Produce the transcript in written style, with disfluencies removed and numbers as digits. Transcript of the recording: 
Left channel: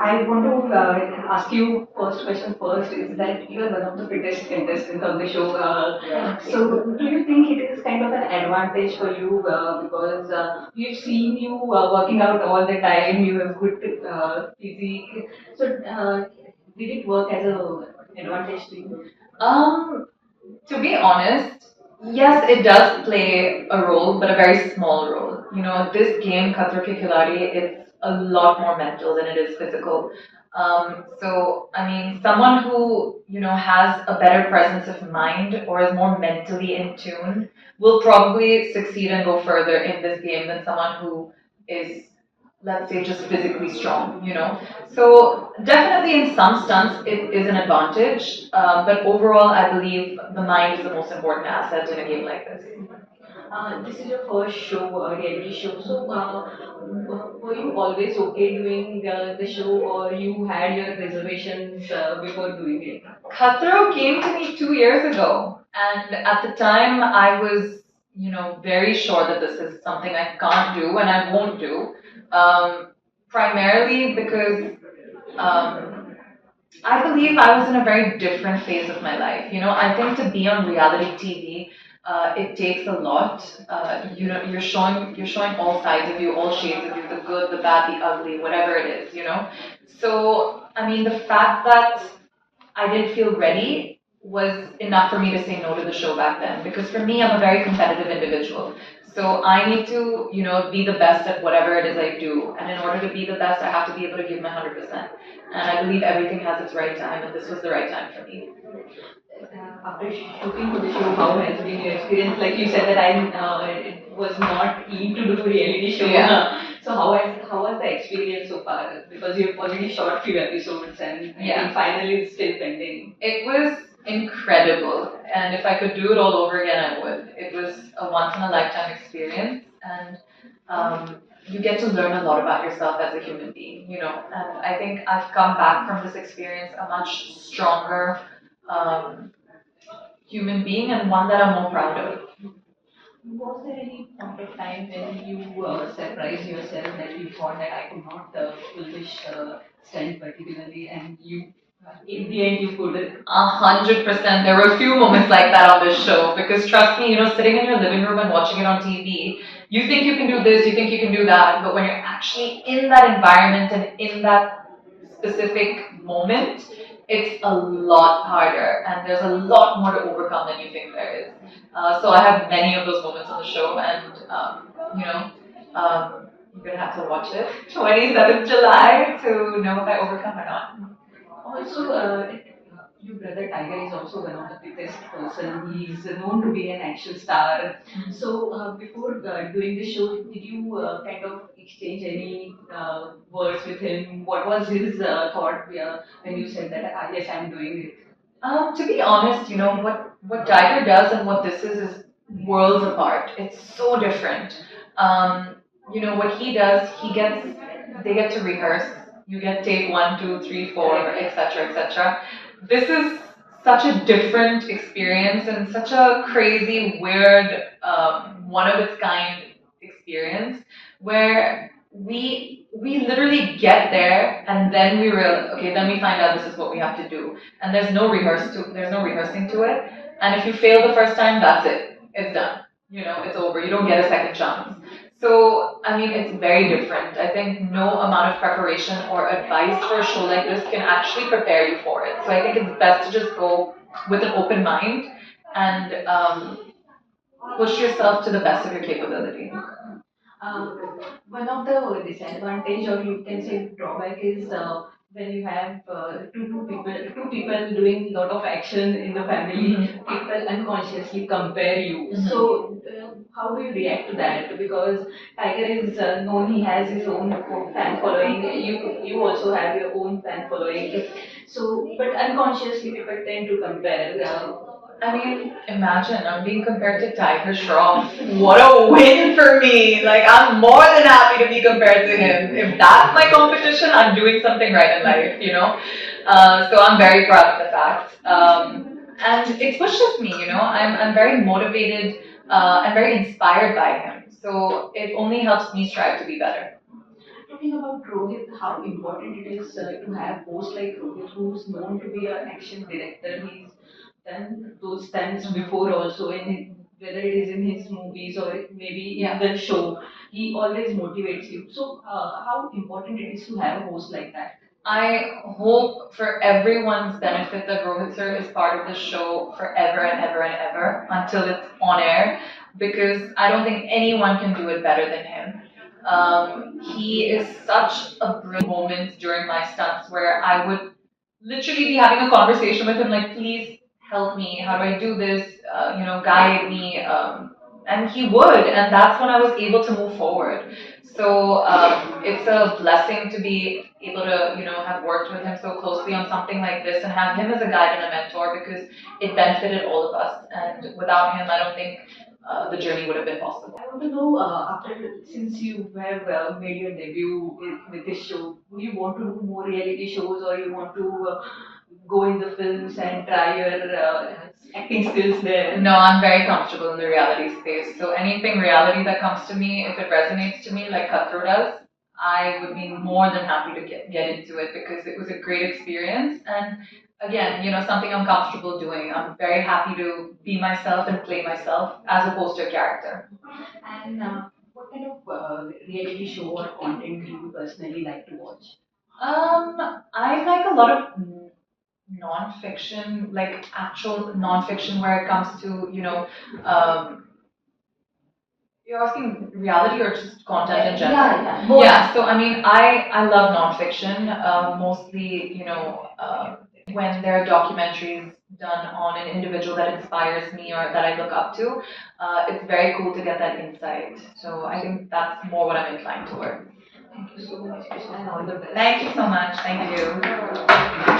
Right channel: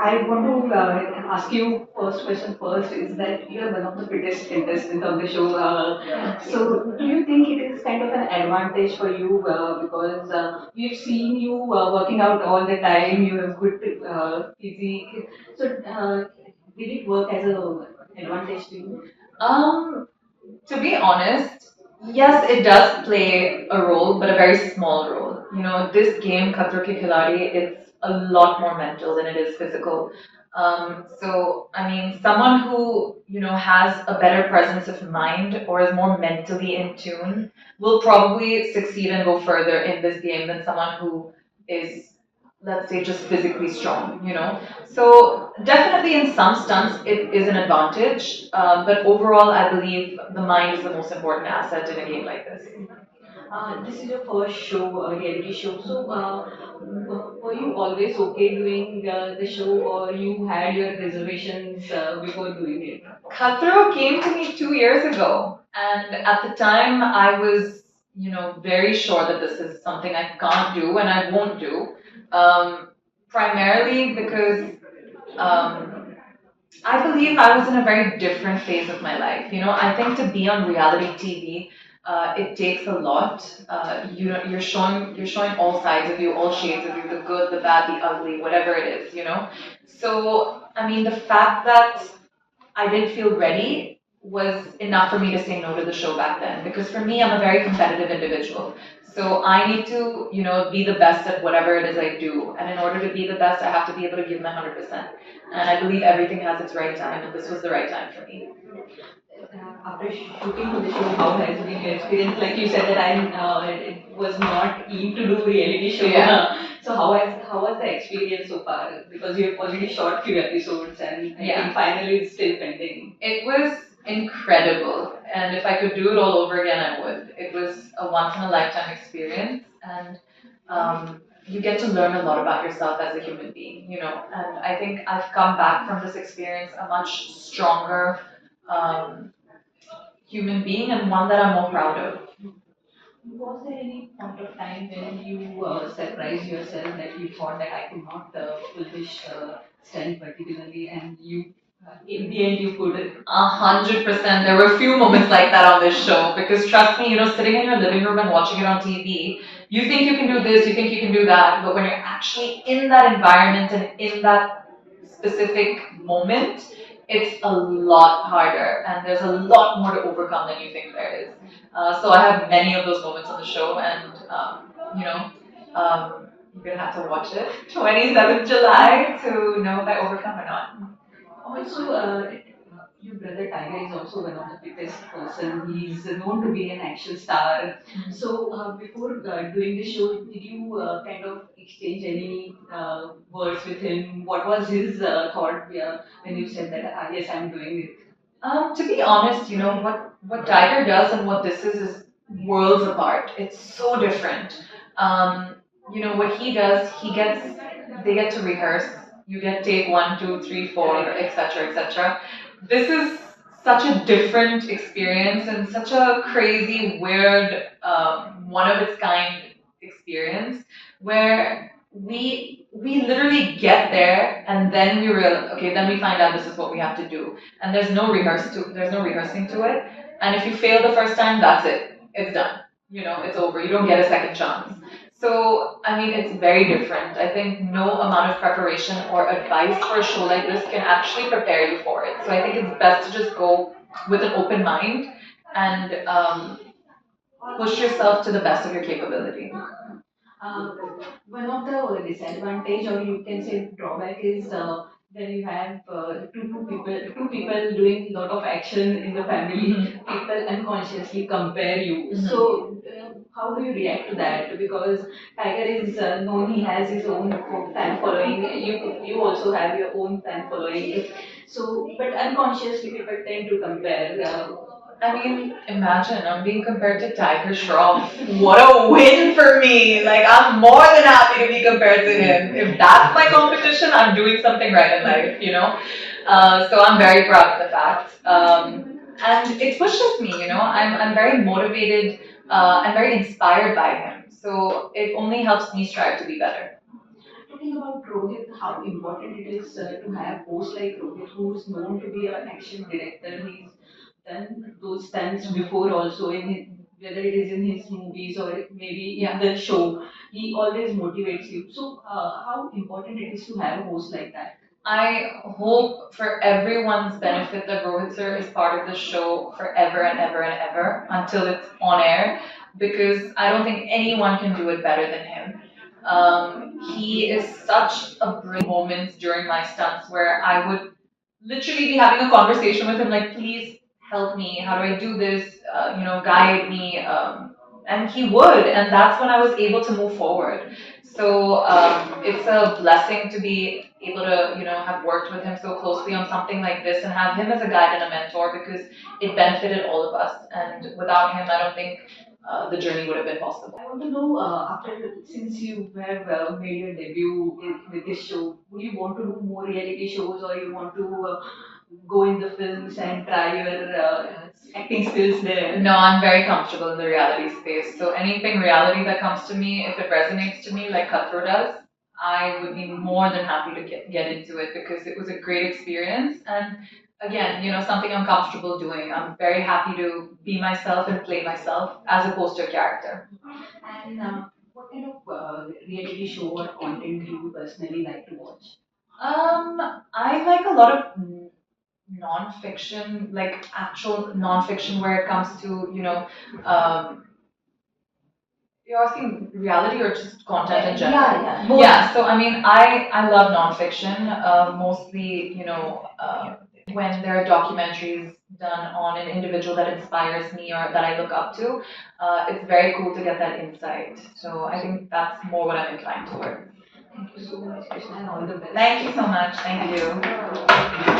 I want to ask you first question first is that you are one of the fittest contestants on the show. So do you think it is kind of an advantage for you because we've seen you working out all the time, you have good physique. So did it work as a advantage to you? Um, to be honest, yes, it does play a role, but a very small role. This game, Khatron Ke Khiladi, it's a lot more mental than it is physical. So, I mean, someone who, has a better presence of mind or is more mentally in tune will probably succeed and go further in this game than someone who is, let's say, just physically strong. So definitely in some stunts it is an advantage, but overall I believe the mind is the most important asset in a game like this. This is your first show, reality show. So, were you always okay doing the show, or you had your reservations before doing it? Khatro came to me 2 years ago, and at the time I was, very sure that this is something I can't do and I won't do, primarily because um, I believe I was in a very different phase of my life. I think to be on reality TV, it takes a lot. You're showing all sides of you, all shades of you, the good, the bad, the ugly, whatever it is. So I mean, the fact that I didn't feel ready was enough for me to say no to the show back then. Because for me, I'm a very competitive individual. So I need to, be the best at whatever it is I do. And in order to be the best, I have to be able to give my 100%. And I believe everything has its right time, and this was the right time for me. After shooting for the show, how has been your experience? Like you said that I it was not keen to do reality show. Yeah. So how was the experience so far? Because you've already shot few episodes and I Yeah. think finally it's still pending. It was incredible, and if I could do it all over again, I would. It was a once in a lifetime experience, and you get to learn a lot about yourself as a human being. And I think I've come back from this experience a much stronger um, human being and one that I'm more proud of. Was there any point of time when you surprised yourself that you thought that I could not pull this stunt particularly, and you in the end you could? 100%. There were a few moments like that on this show because trust me, sitting in your living room and watching it on TV, you think you can do this, you think you can do that, but when you're actually in that environment and in that specific moment, it's a lot harder and there's a lot more to overcome than you think there is. So I have many of those moments on the show, and you're gonna have to watch it 27th July to know if I overcome or not. Also, your brother Tiger is also one of the fittest person. He's known to be an action star. So, before doing the show, did you kind of exchange any words with him? What was his thought when you said that, yes, I'm doing it? To be honest, what Tiger does and what this is worlds apart. It's so different. What he does, they get to rehearse. You get take one, two, three, four, etc., etc. This is such a different experience and such a crazy, weird, one of its kind experience where we literally get there and then we realize, okay, then we find out this is what we have to do, and there's no rehearsing to it. And if you fail the first time, that's it. It's done. It's over. You don't get a second chance. So, I mean, it's very different. I think no amount of preparation or advice for a show like this can actually prepare you for it. So I think it's best to just go with an open mind and push yourself to the best of your capability. Uh, One of the disadvantage, or you can say drawback, is when you have two people doing a lot of action in the family, people unconsciously compare you. So, how do you react to that? Because Tiger is known; he has his own fan following. You also have your own fan following. So, but unconsciously, people tend to compare. I mean, imagine I'm being compared to Tiger Shroff. What a win for me! Like, I'm more than happy to be compared to him. If that's my competition, I'm doing something right in life. So I'm very proud of the fact. And it pushes me. I'm very motivated and very inspired by him. So it only helps me strive to be better. think about Rohit, how important it is to have host like Rohit, who's known to be an action director. He's done those stunts before also in his, whether it is in his movies or maybe in the show. He always motivates you. So, how important it is to have a host like that? I hope for everyone's benefit that Rohit sir is part of the show forever and ever and ever until it's on air because I don't think anyone can do it better than him. He is such a brilliant moments during my stunts where I would literally be having a conversation with him like, please help me. How do I do this? Guide me. And he would, and that's when I was able to move forward. So it's a blessing to be able to, have worked with him so closely on something like this and have him as a guide and a mentor because it benefited all of us. And without him, I don't think the journey would have been possible. I want to know after since you have made your debut with this show, would you want to do more reality shows or you want to go in the films and try your acting skills there? No, I'm very comfortable in the reality space. So anything reality that comes to me, if it resonates to me, like Khatro does, I would be more than happy to get into it because it was a great experience. And again, something I'm comfortable doing. I'm very happy to be myself and play myself as opposed to a character. And what kind of reality show or content do you personally like to watch? I like a lot of non-fiction, like actual non-fiction, where it comes to um, you're asking reality or just content in general? Yeah, both. Yeah, so I mean, I love nonfiction, mostly, when there are documentaries done on an individual that inspires me or that I look up to, it's very cool to get that insight. So I think that's more what I'm inclined toward. Thank you so much, Krishna, and all the best. Thank you so much. Thank you.